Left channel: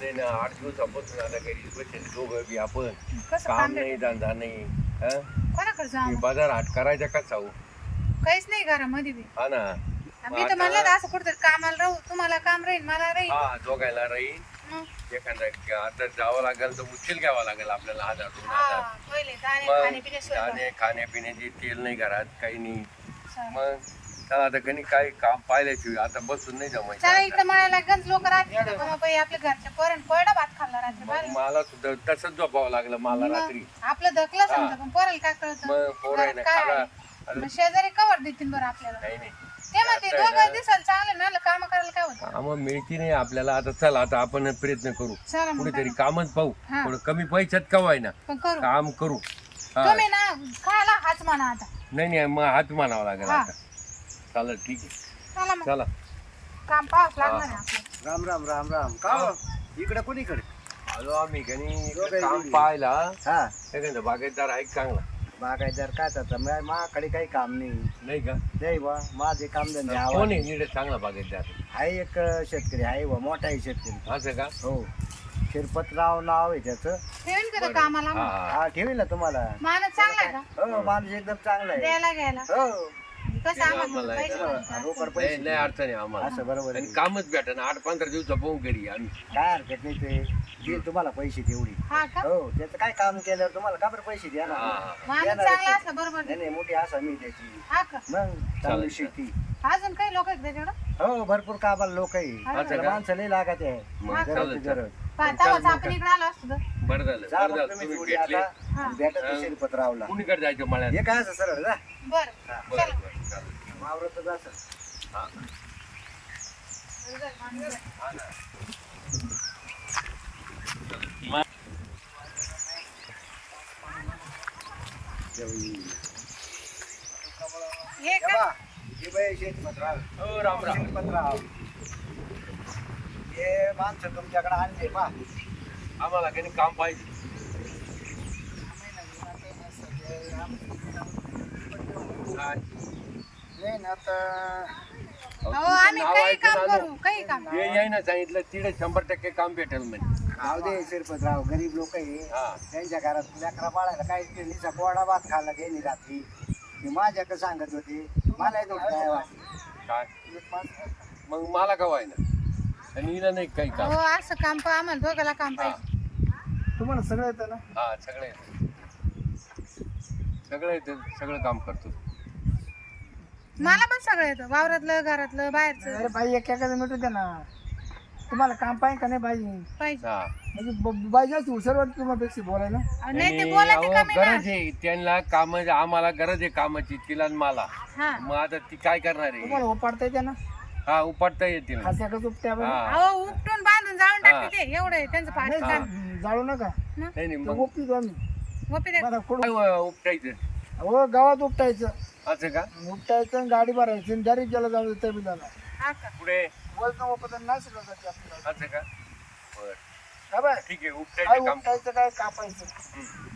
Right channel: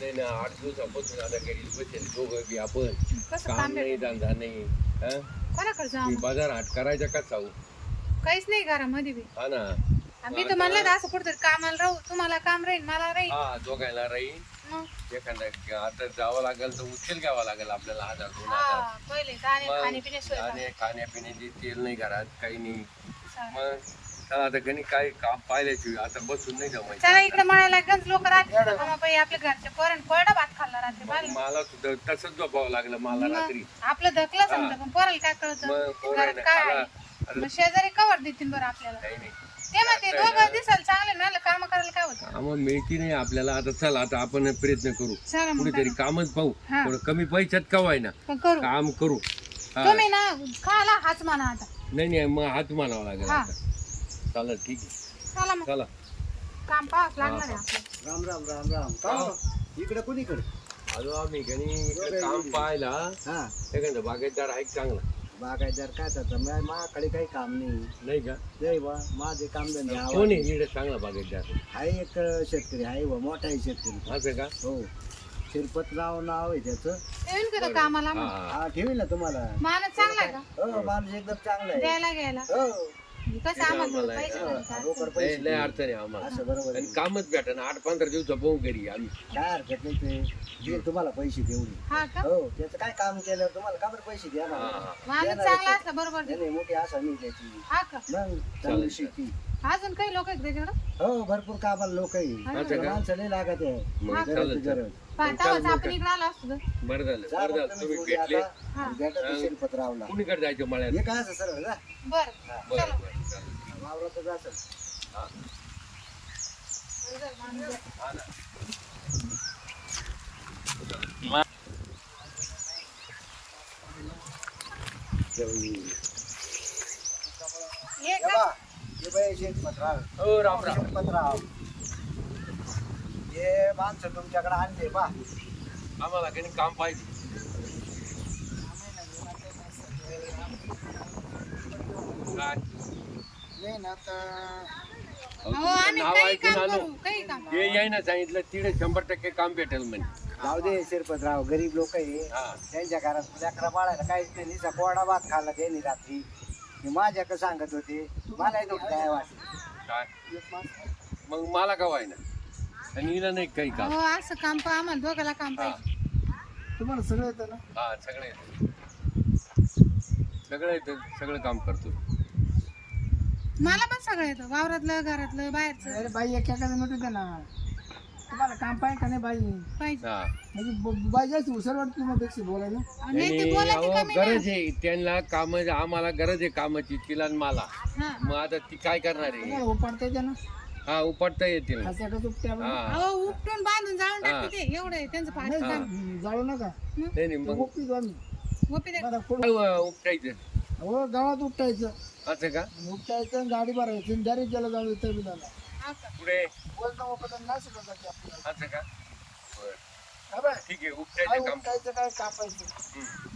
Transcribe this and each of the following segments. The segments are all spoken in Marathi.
नाही ना आठ दिवसापासून आता घरी बसेल दोघं बी आपण. कसं काम काम नाही धंदा नाही. हा? कोणाकडे ते जाऊ बाजार हाट करायचा का चाऊ काहीच नाही घरामध्ये बी. हा ना. आम्ही तर म्हणलं ना असं कुठतरी कामाला राहू. तुम्हाला काम राहील मला राहील. हा दोघायला राहील. मग. एखादा आता जावं लागेल तर उचल घ्यावा लागेल आपल्याला. हजार दोन हा, हजार. मग खाण्यापिण्याचे तेल नाही घरात काही नाही. मग? चला आता कधी काय काम पाहिल्याची आता बसून नाही जमायचं. चला. इकडे म्हणायला गंज लोक राहते बाई आपल्या घरच्या पोरण कोरडा भात खाल्ला राहते मग. मला सुद्धा तसंच झोपावं लागलं मला रात्री. आपलं धकलं समजा पण पोराला काय कळतं मग पोरायनं घरात काय खाला आहे? मग शेजारी कवर देतील बरं आपल्याला? नाही नाही. ते म्हणते दोघं दिसाल चांगले ना काम करायला काय होतं? काम मिळती नाही आपल्याला. आता चला आता आपण प्रयत्न करू. चला मग कुठेतरी कामच पाहू. हा. थोडं कमी पैशात कवाय ना. पण करू. काम करू. हा. तुम्ही ना खायला हाच म्हणा आता. नाही नाही मग हात मानावा लागेल हा. आता. चालेल ठीक आहे. चला मग. चला. काम पाहावंच लागणार आहे आपलं. राम राम राम राम. का हो? इकडे कोणीकडे? आलो आम्ही कणी इकडे काम. पाहायला. हा. एखादा बागायतदार आहे का चांगला. बागायतदार काय त्याचा? मा- माकडे काही काम नाही. नाही का? नाही बा माझे काम धंदे कोण आहे नीट चांगला बागायतदार? आहे एक शेतकरी आहे बा मोठा आहे शेतकरी. असं का? हो. शिरपतराव नाव आहे त्याचं. ठेवीन का तो कामाला हा? हा. हा ठेवी ना तुम्हाला. माणूस चांगला आहे का? हो माणूस एकदम चांगला आहे. द्यायला घ्यायला. हो. कसं आम्हाला? नाही? रोकड लय पैसे लय अडचण आहे आम्हाला. असं बरोबर आणि आहे. कामच भेटा ना आठ पंधरा दिवसा पाहून घरी आम्ही. काय हरकत नाही ते. देईल तुम्हाला पैसे तेवढी. हा का? हो त्याचं काय काम केल्यावर तुम्हाला का बरं पैसे द्या ना हा. माणूस देणार चांगला आहे असं बरोबर. नाही नाही मोठी आशा मी त्याची. हा का? मग चांगली शेती. अजून काही लोक आहेत त्याच्याकडं? हो भरपूर कामाला लोक आहे. असं का? माणसं लई लागत आहे. मग गरज चालेल ती चालेल. गरज. पाहताच आपण इकडे आलो असतो तर. बरं झालं जा बरं मग झालं. तुम्ही तुम्ही जोडी भेटले. आता. भेटा हा. ते शिरपतरावला कुणीकडे जायचं मळ्यात? हे काय असं सरळ जा. बरं. बरं चला. बरं. चालेल वावरातच असं हा. हा ना. हे राम राम. शिरपतराव हे माणसं तुमच्याकडे आणले बा आम्हाला काही काम पाहिजे. काय? नाही ना तर अहो, अहो, तुमचं आम्ही नाव काही ऐकून काम आलो. करू काही काम हे यायना सांगितलं तिथे शंभर टक्के काम भेटेल म्हणे. जाऊ दे शिरपतराव गरीब लोक आहे. हा. त्यांच्या घरात लेकरा बाळाला काय ते निसा कोरडा भात खाल्ला त्यांनी रात्री. ते माझ्याकडे सांगत होते. मला येतो काय वाटलं काय? एक माणूस मग मला का व्हायना आणि हिला नाही काही काम? हो असं काम पहा आम्हाला दोघाला काम हा. पाहिजे. तुम्हाला सगळं येतं ना? हा सगळं येतं. सगळं येतं सगळं काम करतो. मला पण सगळं येतं. वावरातलं घरातलं बाहेरचं. अरे बाई एक एखादं मिटू ना. तुम्हाला काम पाहिजे का नाही बाई? पाहिजे. हा. म्हणजे ब- बाई जास्त हुशार वाटत तुम्हाला बोलायला. अहो, नाही ते आणि बोला अहो, ते कमी ना गरज आहे. त्यांना काम आम्हाला गरज आहे कामाची तिला आणि मला. हा. मग आता ती काय करणार आहे? तुम्हाला उपाडता येते ना? हा उपटता येतील. हा. अहो उपटून बांधून जाऊन टाकते ते. एवढं आहे त्यांचं काम जाळू नका. नाही नाही मग उपटीतो आम्ही गोपी दे मला कुठं काय व- उपटायचं? हो गावात उपटायचं. असं का? उपटायचं आणि गाडी भरायची आणि डायरेक्ट गेला जाऊ हा का? पुढे वजन उपटन नाही शिकवत जाते आपल्याला. असं का? बर. हा बाय ठीक आहे काय उपटायचं काम उपटायचं काय कापायचं? हम्म.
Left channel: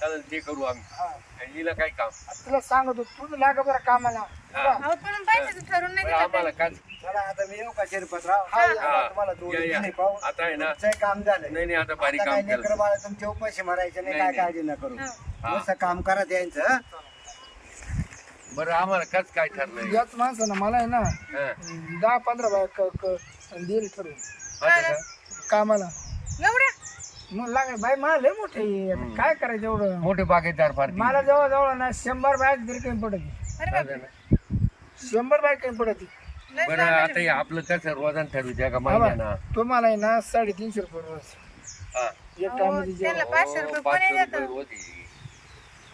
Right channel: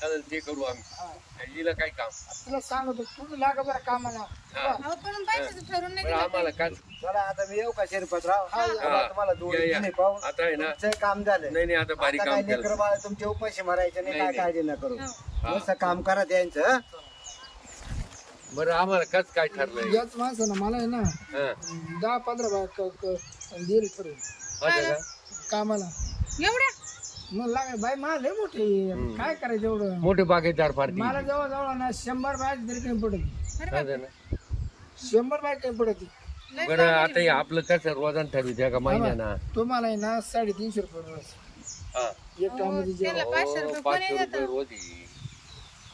चालेल ते करू आम्ही. हा. हिला काय काम? तुला सांगतो तुम्ही लागा बरं कामाला. हा. अहो पण पैशाचं नाही बरं, दिलं आम्हाला काय चला आता मी येऊ का शिरपतराव हा. तुम्हाला या, जोडी या. दिली पाहू आता आहे ना. तुमचं काम झालं नाही नाही आता भारी आता काम काय केलं. लेकरं बाळ तुमचे उपाशी मारायचे नाही नाही, काय काळजी न करू. हो. मस्त काम करा त्यांचं. हं? बरं आम्हाला कच काय ठरलं याच माणसानं मला आहे ना. दहा पंधरा बाय दिली ठरवून. असं का? एवढ्या कामाला. मग लागाय बाई मला लय मोठे. काय करायचं एवढं? मोठे बागेदार फार मला जवळ जवळ ना शंभर बाय तरी कमी पडत अरे बाप शंभर बाय कमी पडत बरं आता हे आपलं कसं रोजान ठरवू का महिन्याना तुम्हाला आहे ना साडेतीनशे रुपये रोज हा. एक टायमाची जेवण त्याला पाचशे हो, रुपये पाचशे कोणी रुपये देतं रोज.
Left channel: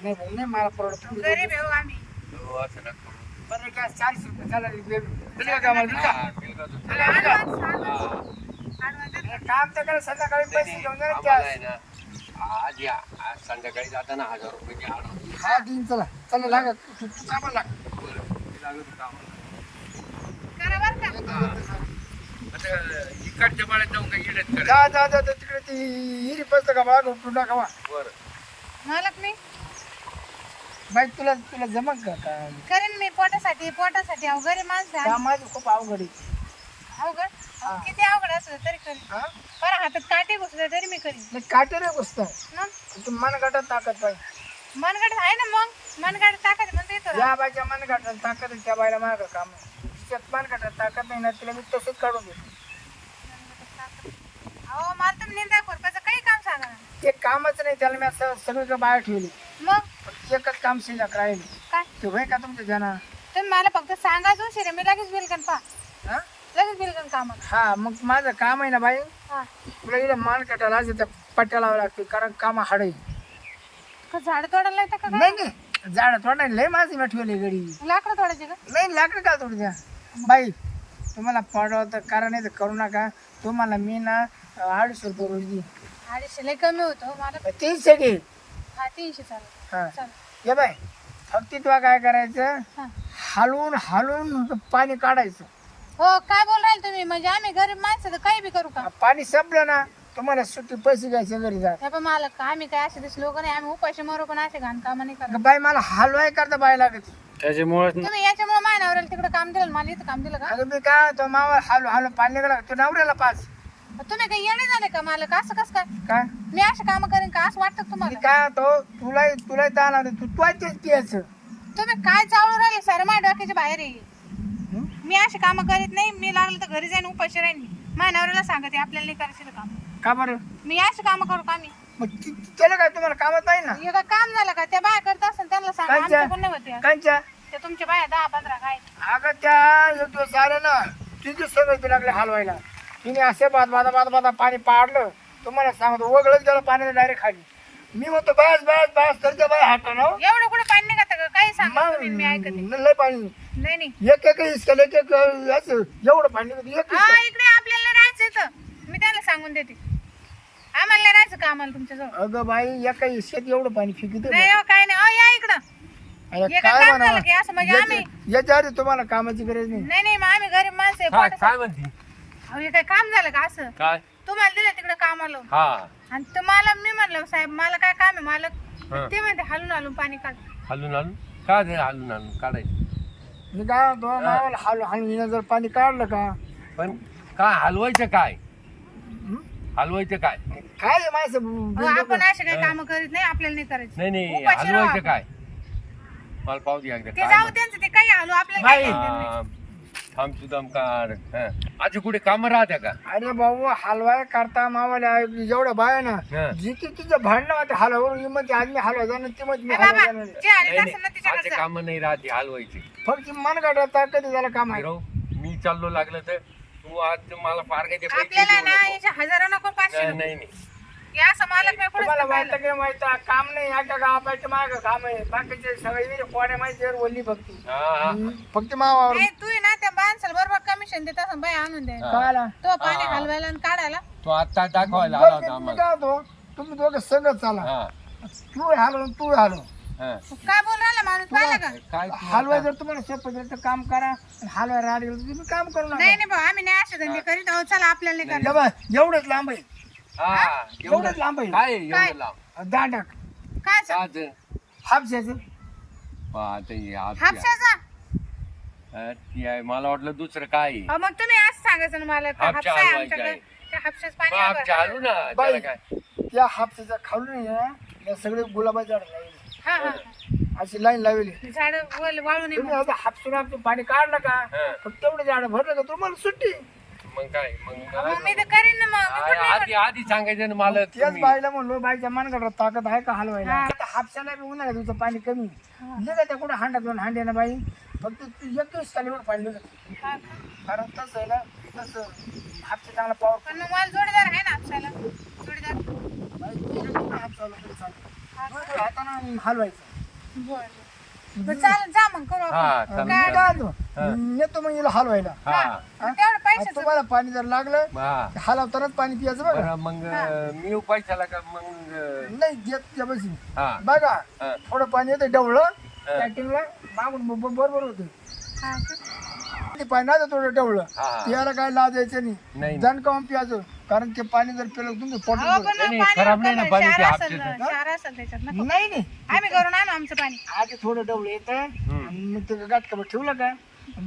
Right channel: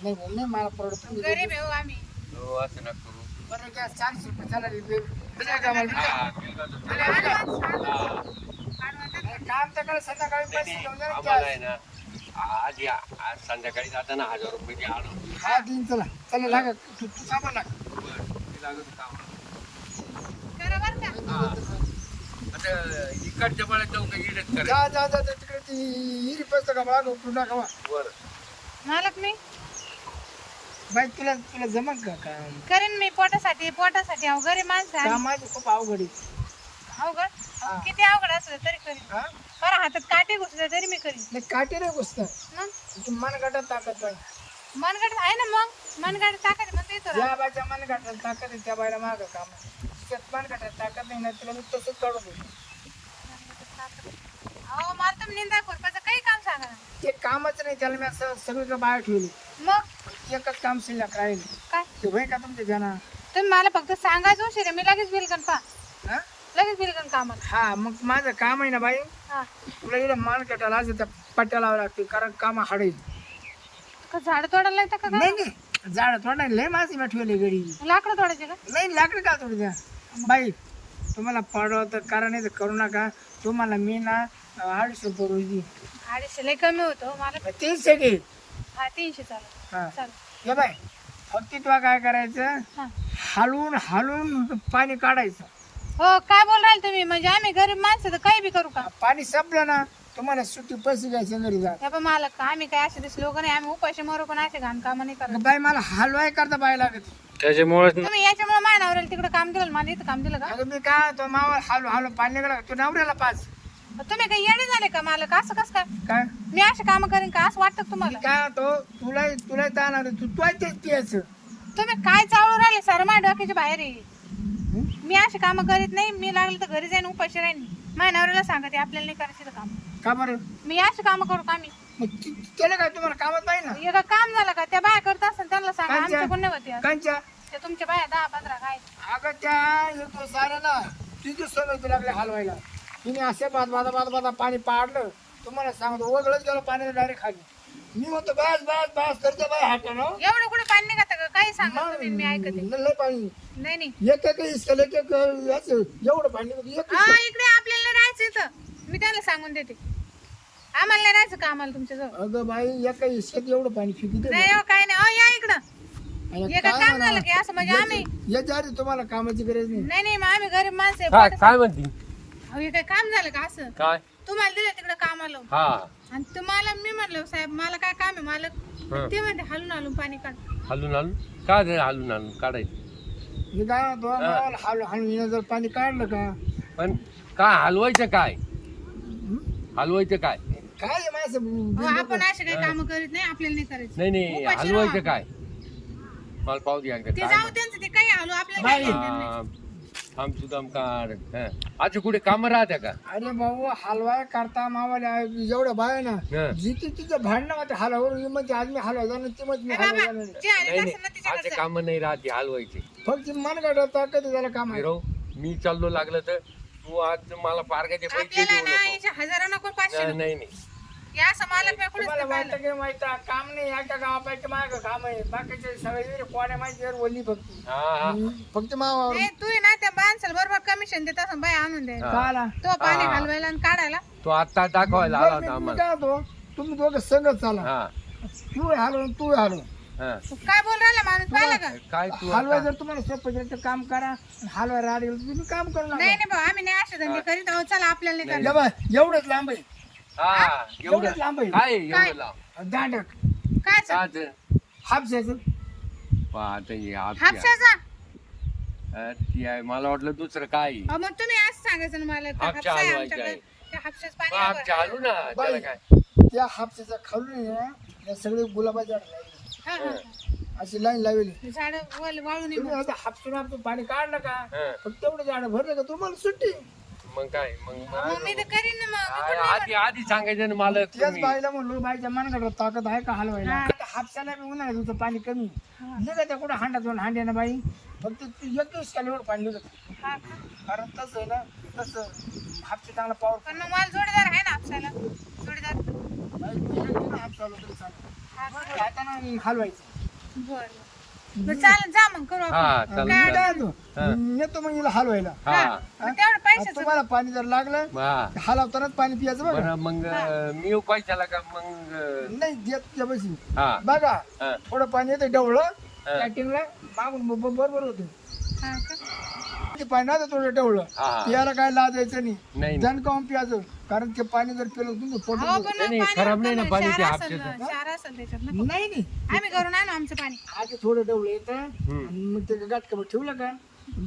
नाही नाही नाही, मला परवडत नाही. गरीब आहे हो आम्ही हो, असं नका करू. बरं काय चारशे रुपये चालेल कामाला? हा, advance. हा. advance देतो. काम तर करा संध्याकाळी पैसे घेऊन जा ना आम्हाला cash. आहे ना आज या आज संध्याकाळी जाताना हजार रुपये द्या ना. हा दिन चला चला लागा तू तू कामाला लाग. मी लागत होतो आम्हाला. इकडच्या जाऊन करा. जा जा जा जा, तिकडे ती हिरी पसतं का मागं उपटून टाका वा. बरं. मालक मी? बाई तुला तुला जमक का काम? करेन मी पोटासाठी पोटासाठी अहो गरीब माणसं. आहे. खूप अवघड आहे. हा. किती अवघड असलं तरी करी हा? बरं हातात काटे घुसले तरी मी करी नाही काटे रे गोष्ट मग? तू मनगटात ताकद पाहिजे मनगड आहे ना मग? मनगड टाकायचं म्हणते ज्या बायच्या मनगटात ताकद आहे त्या बायला माग काम आहे. तिच्यात मनगटात ताकद नाही ना तिला मी तसंच काढून देतो. अहो मला तुम्ही निंदा खुरपाचं काही काम सांगा ना. ते कामच नाही त्याला मी असं सगळीकडे बाहेर ठेवली. मग? एकच काम शिल्लक राहील. काय? ते होय का तुमच्या जना तुम्ही मला फक्त सांगायचं उशीर मी लगेच बिलकन पा हा? लगेच बिलकन कामाला. हा मग माझं काम आहे ना बाई? हा. तुला इकडे मान कटायला असेल तर पट्ट्या लावा लागतील कारण काम हाडे का झाड तोडायला येतं का काय? नाही झाड थोडा लय माझी ठेवली गडी लाकडं तोडायचे का? नाही लाकडं का थोडी द्या? बाई तुम्हाला पडलं तर करा नाही तर करू नका. तुम्हाला मी ना अडीचशे रुपये रोज देईन. अडीचशे लय कमी होतो मला तीस सगळे हा तीनशे चालेल. हा. चालेल. ये बाय फक्त तुला काय करायचं. हा. हलवून हलवून पाणी काढायचं. हो काय बोल राहिले तुम्ही? म्हणजे आम्ही गरीब माणसं तर काही बी करू का? पाणी संपलं ना तुम्हाला सुट्टी पैसे घ्यायचे घरी जा. हे पण मला आम्ही काय असे दिसलो नाही आम्ही उपाशी मरू पण असे घाण काम नाही करत. बाई मला हलवाय करता बाय लागत. त्याच्यामुळे तुम्ही याच्यामुळे माझ्या नवऱ्याला तिकडे काम दिलं मला इथं काम दिलं का? अगं मी काय तो मावा हलू हलू पाणी निघाला. तू नवऱ्याला पाच तुम्ही काही येणे झाले का मला का असं कसं काय? काय? मी असे काम करेन का? असं वाटतं का मी तुम्हाला काय तो तुला तुला जाणार तू तू तेच पियाचं तुम्ही काय चालू राहिले? सर माझ्या डोक्याच्या बाहेर आहे. हं? मी असे काम करीत नाही. मी लागले तर घरी जाईन उपाशी राहीन. माझ्या नवऱ्याला सांगते आपल्याला नाही करायचं ते काम. का बरं? मी असे काम करू का मी? मग ती- त्याला काय तुम्हाला कामात पाहिजे ना? हे काय काम झालं का? त्या बाया करत असेल त्यांना सांगा? आमच्या कोण नाही होते कांच्या ते तुमच्या बाया दहा पंधरा काय अगं त्या एक दिवस आलं ना तिथे सगळं ते लागले हलवायला. तिने असे बाद बादा बाद बादा पाणी पाडलं. तुम्हाला सांगतो वगळच गेलं पाण्याला डायरेक्ट खाली. मी म्हणतो बस बस बस तर त्या बाय हात ना. एवढं कुठं पाणी नाही का? काही सांगा तुम्ही मी ऐकते मग लय पाणी नाही नाही. एक एक इसकल एक एक याचं एवढं पाणी एक हा. इकडे आपल्याला राहायचं इथं. मी त्याला सांगून देते. आम्हाला नाही राहायचं का आम्हाला तुमच्या जवळ अगं बाई एका इसक्यात एवढं पाणी फिकित नाही हो काय नाही. अहो या इकडं. हे काय काम झालं की असं म्हणजे आम्ही याच्या आधी तुम्हाला कामाची गरज नाही. नाही नाही मग आम्ही गरीब माणसं आहे, काय पोटासाठी- काय म्हणती? अहो हे काय काम झालं का असं? काय? तुम्हाला दिलं तिकडे कामाला हा. आणि तुम्हाला मी म्हणलं साहेब मला काय काम आहे? मालक हा. ते म्हणते हलून हलून पाणी काढ. हलून हलून? काय ते हलून हलून काढायचं? मी काय म्हणतो, मावाला हालू हालू जर पाणी काढलं का? पण काय हलवायचं काय? हं? हलवायचं काय? काय माणसं अहो, आपण असे काही काम करीत नाही आपल्याला नाही करायचं नाही नाही उपाशी राहू हलवायचं आपण. काय मला पाहू दे एकदा ते काय जाऊ त्यांचं ते काही हलू आपल्याला बाई. काय घेणं देणं नाही. हा, थांब तू हं. आज कुठे काम राहत्या का अरे भाऊ हलवाय करता मावाला एवढं बाय ना हं. जिथे तिचं भांडणं होते हलवावर ही म्हणते आज मी हलवा जाणार ती म्हणते मी ए हलवा बाबा जाणार जे आले नाही असेल ना नाही तिच्याकडे आज जा. काम नाही राहते हलवायचे फक्त मन काढता कधी त्याला काम आहे मी चाललो लागलं तर तू आज मला पैसे आपल्याला देऊ ना नको. हजार नको पाचशे नाही नको. नाही नाही. या तुम्हाला की माहिती आहे, काम नाही एका गावापायचं माग काम आहे. बाकीचे सगळे विहिरी कोड्या माहिती आहे, ओली फक्त हा हा. फक्त मावावर. नाही, तू आहे ना त्या माणसाला बरोबर कमिशन देत असं आणून हा. काला तो पाणी हा. हलवायला आणि काढायला. तो आता दाखवायला आला बरं, होता मी- मी आम्हाला. काय होतो तुम्ही दोघं संगत चाला. हा. तू हलव तू हलव हा. काय बोल राहिला माणूस? पाहिला का? काय तू आता- जर तुम्हाला सोपं झालं तर काम करा गेलं तर तुम्ही काम करू नाही नका. नाही भाऊ आम्ही नाही असे धंदे करीत आहोत. चला आपल्याला नाही या बा, एवढंच लांब आहे. हा एवढंच एवढं. लांब आहे. काय काय? एवढं लांब? दांडक. काय? हापशाचं. पाहता हापशाचा. ती आहे. मला वाटलं दुसरं काय आहे. अहो, मग तुम्ही असं सांगायचं ना मला. का हापशा हापशा आहे हलवायचा आमच्याकडे. आहे. त्या हापशाच पाणी मग हवं. आमच्या हालू ना. त्याला बाई काय? त्या हापशाच्या खालून आहे ना, या सगळे गुलाबाची झाड लावली हा हा अशी लाईन लावली झाड वाळू नये तुम्ही आता हापसून हापसून पाणी काढलं का? हा. फक्त तेवढं झाड भरलं का तुम्हाला सुट्टी? मग काय? मग मला- मग मी तर करीन ना मग. मी पण नाही आधी आधी सांगायचं ना मला त्याच तुम्ही. बाईला म्हणलो बाईच्या मनगडात ताकद आहे का हलवायला? हा. आता हापशाला बी उन्हाळ्यात तुमचं पाणी कमी. निघत त्या कुठं हांडा दोन हांडे ना बाई. फक्त तू एकवीस कालीवर पाणी निघत. हा का? कारण तसं आहे ना तसं हापशे चांगला पावर पण मग मला जोडीदार आहे ना हापशाला. जोडीदार. हाताने हलवायचं. बर बर. चालेल जा मग करू हा आपण चालेल. नेतो मग हिला हलवायला. हा. तेवढं आता पैशाचं तुम्हाला पाणी जर लागलं हा. हलवतानाच पाणी पियाचं बघा बरं मग मी येऊ पैशाला का मग अं, नाही देत त्या बशी. हा. बघा हा. थोडं पाणी येतं डवळं कॅटिंगला मागून ब- ब- बरोबर होतं हा का? ते पाणी ना थोडं डवळं हा. पियाला काय लाजायचं नाही, नाही नाही. जण काऊन पियाचं कारण ते पाणी जर पिलं तुमचं पोट अहो, पण नाही, मग नाही, पाणी खराब नाही ना कमी- पाणी ते क्षार असेल हापशाचं. ना, क्षार असेल त्याच्यात ना नाही नाही आम्ही करून आणू आमचं पाणी आधी थोडं डवळं येतं. आणि मग ते गाठकं ठेवलं का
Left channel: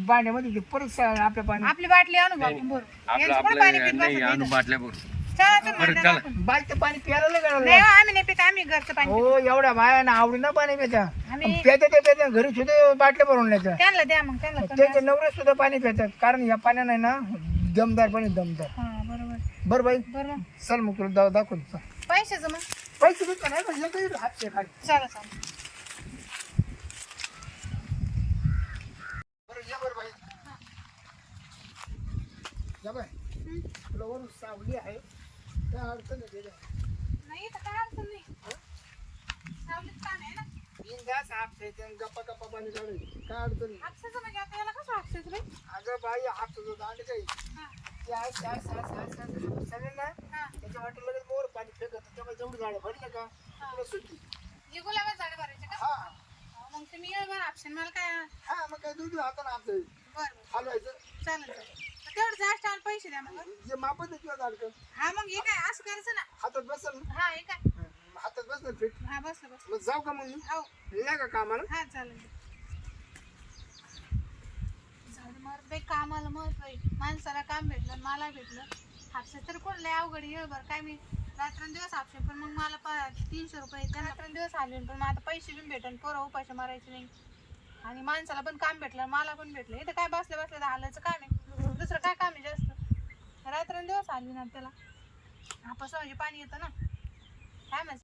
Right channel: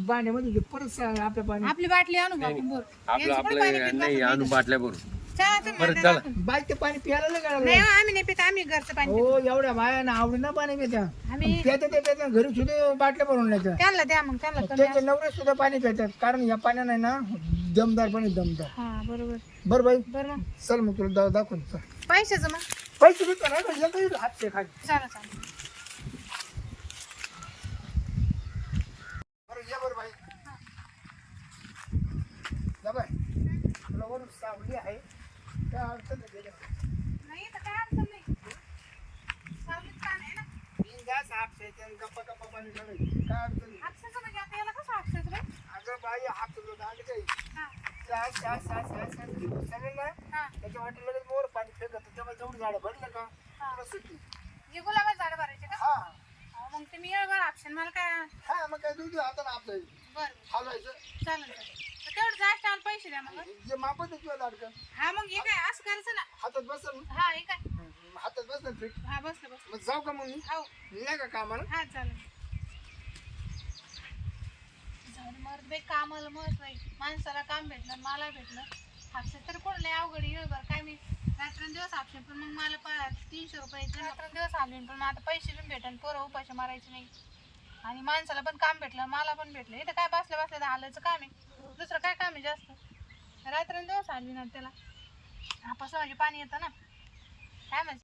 पाण्यामध्ये ते परत सा- आपल्या पाणी आपली बाटली आणू बा आपण भरू आपलं यांचं पाणी आपलं पित नाही बसत आणून इथं? बाटल्या भरून चला तुम्ही बरं, पाणी प्यायला लय नाही गळालं. हो, आम्ही नाही पित आम्ही घरचं पाणी हो एवढ्या बाया ना आवडी ना पाणी पित्या आम्ही पित्या ते पित्या घरी सुद्धा बाटल्या भरून नेत्या त्यांना द्या मग त्यांना कमी त्याचे नवरे सुद्धा पाणी पितात कारण या पाण्यानं ना दमदार पाणी दमदार. हा बरोबर. बरं बाई. बरं मग. चल मग तुला दाव दाखवून चल. पैशाचं मग. पैसे देतो नाही पण एकही हातचे खाली. चला चला. बरं ये बरं बाई. या बाय. तुला वरून सावली आहे. काय अडचण नाही गेल्या नाही तर काय अडचण नाही. सावलीत पाणी आहे ना. बिनधास्त हापसायचं आणि गप्पा गप्पा पाणी काढायचं काय अडचण नाही हापसाचं म्हणजे आता याला कसं हापसायचं अगं बाई हापसाचं दांड काही हा. समजलं ना हा. त्याच्या वाटेल लगेच मोर पाणी फेकत तेव्हा जेवढी झाडं भरलं का तुला सुट्टी हे गुलाबात झाडं भरायचे का? हा. अहो, मग तुम्ही येळ भरा ऑप्शन मला काय हा मग काय दुधी हाताने आपलं? बरं बरं. हलवायचं. चालेल चालेल. तेवढं जास्त आम्हाला पैसे द्या मग. जे मापत आहे किंवा दाडकं? हा मग हे काय असं करायचं ना. हातात बसल ना? हा हे काय? हम्म, हातात बसलं फिट? हा बसलं बसलं. मग जाऊ का मग मी? हो. नाही का कामाला? हा चालेल. झाड मरत बाई कामाला मत बाई. माणसाला काम भेटलं आणि मला भेटलं. हापसे तर कोण लय अवघड येळ बरं काय मी रात्रंदिवस हापशे पण मग मला पा तीनशे रुपये येते रात्रंदिवस आले पण मग आता पैसे बी भेटन पोरं उपाशी मारायचे नाही. आणि माणसाला पण काम भेटलं मला पण भेटलं. इथं काय बसल्या बसल्या तर हालायचं काम आहे दुसरं काय काम आहे जास्त? रात्रंदिवस आली ना त्याला. हापास म्हणजे पाणी येतं ना. काय माहिती?